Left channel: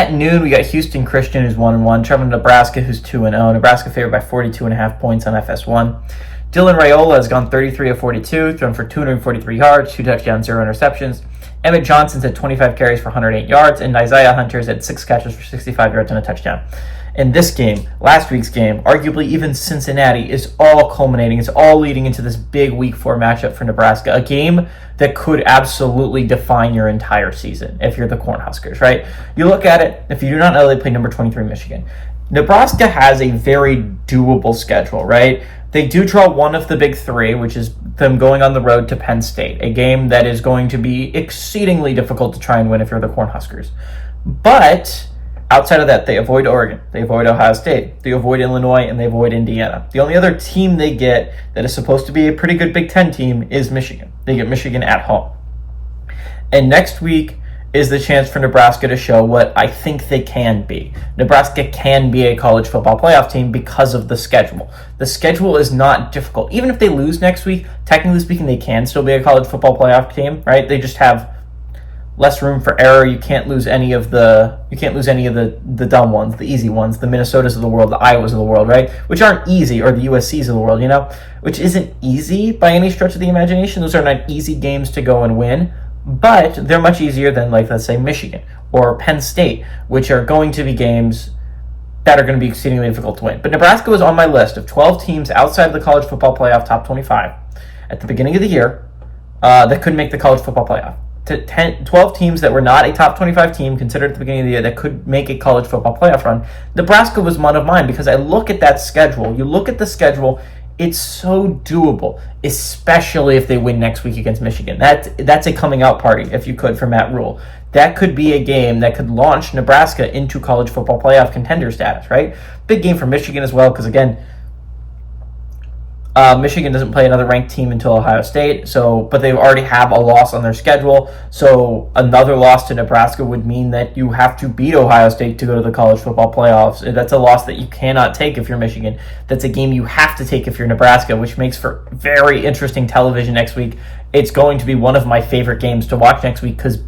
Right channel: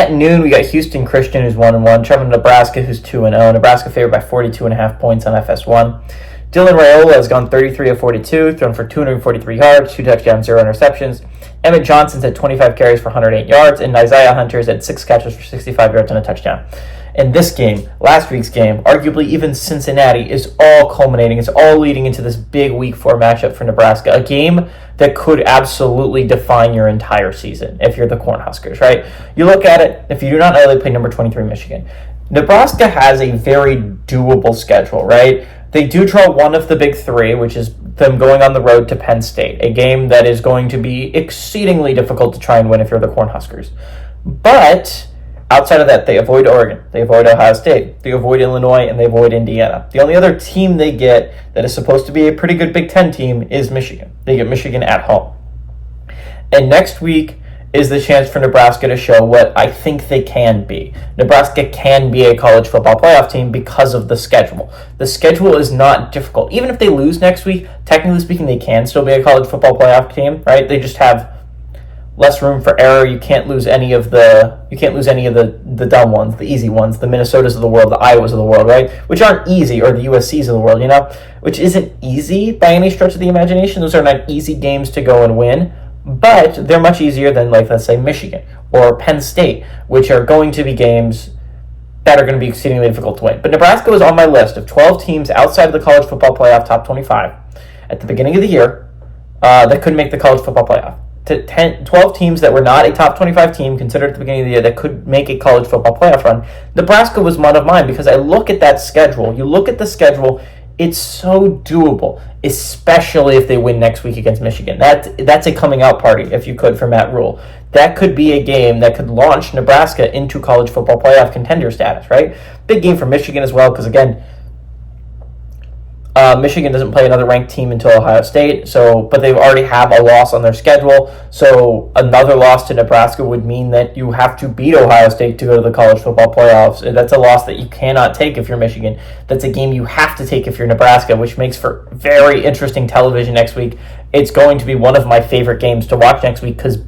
At noon, we got Houston Christian, who's 1-1, traveling to Nebraska, who's 2-0. Nebraska favored by 42.5 points on FS1. Dylan Raiola has gone 33 of 42, thrown for 243 yards, 2 touchdowns, 0 interceptions. Emmett Johnson's had 25 carries for 108 yards, and Isaiah Hunter's had 6 catches for 65 yards and a touchdown. And this game, last week's game, arguably even Cincinnati, is all culminating. It's all leading into this big Week 4 matchup for Nebraska, a game that could absolutely define your entire season if you're the Cornhuskers, right? You look at it, if you do not know, they play number 23 Michigan. Nebraska has a very doable schedule, right? They do draw one of the big three, which is them going on the road to Penn State, a game that is going to be exceedingly difficult to try and win if you're the Cornhuskers. But outside of that, they avoid Oregon, they avoid Ohio State, they avoid Illinois, and they avoid Indiana. The only other team they get that is supposed to be a pretty good Big Ten team is Michigan. They get Michigan at home. And next week is the chance for Nebraska to show what I think they can be. Nebraska can be a college football playoff team because of the schedule. The schedule is not difficult. Even if they lose next week, technically speaking, they can still be a college football playoff team, right? They just have less room for error. You can't lose any of the dumb ones, the easy ones, the Minnesotas of the world, the Iowas of the world, right? Which aren't easy, or the USCs of the world, which isn't easy by any stretch of the imagination. Those are not easy games to go and win, but they're much easier than, like, let's say, Michigan or Penn State, which are going to be games that are going to be exceedingly difficult to win. But Nebraska was on my list of 12 teams outside of the college football playoff top 25 at the beginning of the year that could make the college football playoff. 12 teams that were not a top 25 team considered at the beginning of the year that could make a college football playoff run. Nebraska was one of mine because I look at that schedule. You look at the schedule, it's so doable, especially if they win next week against Michigan. That's a coming out party, if you could, for Matt Rule. That could be a game that could launch Nebraska into college football playoff contender status, right? Big game for Michigan as well, because again, Michigan doesn't play another ranked team until Ohio State, but they already have a loss on their schedule. So another loss to Nebraska would mean that you have to beat Ohio State to go to the college football playoffs. That's a loss that you cannot take if you're Michigan. That's a game you have to take if you're Nebraska, which makes for very interesting television next week. It's going to be one of my favorite games to watch next week because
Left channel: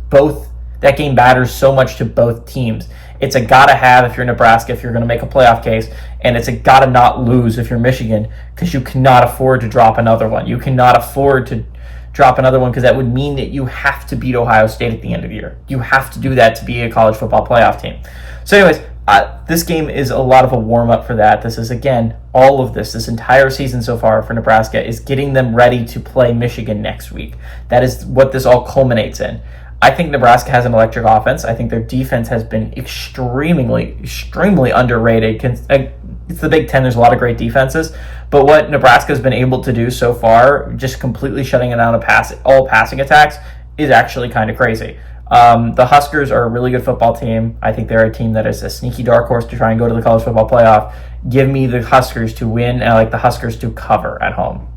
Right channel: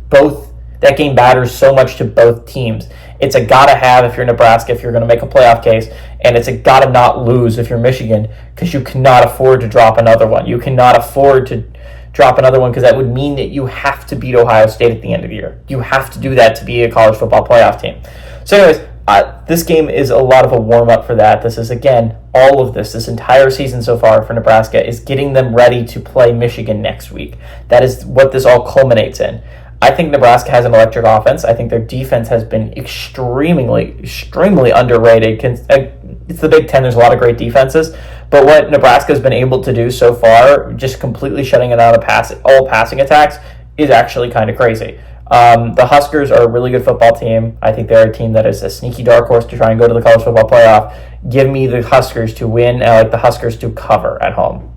that game matters so much to both teams. It's a gotta have if you're Nebraska, if you're going to make a playoff case, and it's a gotta not lose if you're Michigan, because you cannot afford to drop another one. You cannot afford to drop another one because that would mean that you have to beat Ohio State at the end of the year. You have to do that to be a college football playoff team. So anyways, this game is a lot of a warm-up for that. This is, again, all of this entire season so far for Nebraska is getting them ready to play Michigan next week. That is what this all culminates in. I think Nebraska has an electric offense. I think their defense has been extremely underrated. It's the Big Ten. There's a lot of great defenses. But what Nebraska has been able to do so far, just completely shutting it out of all passing attacks, is actually kind of crazy. The Huskers are a really good football team. I think they're a team that is a sneaky dark horse to try and go to the college football playoff. Give me the Huskers to win, and I like the Huskers to cover at home.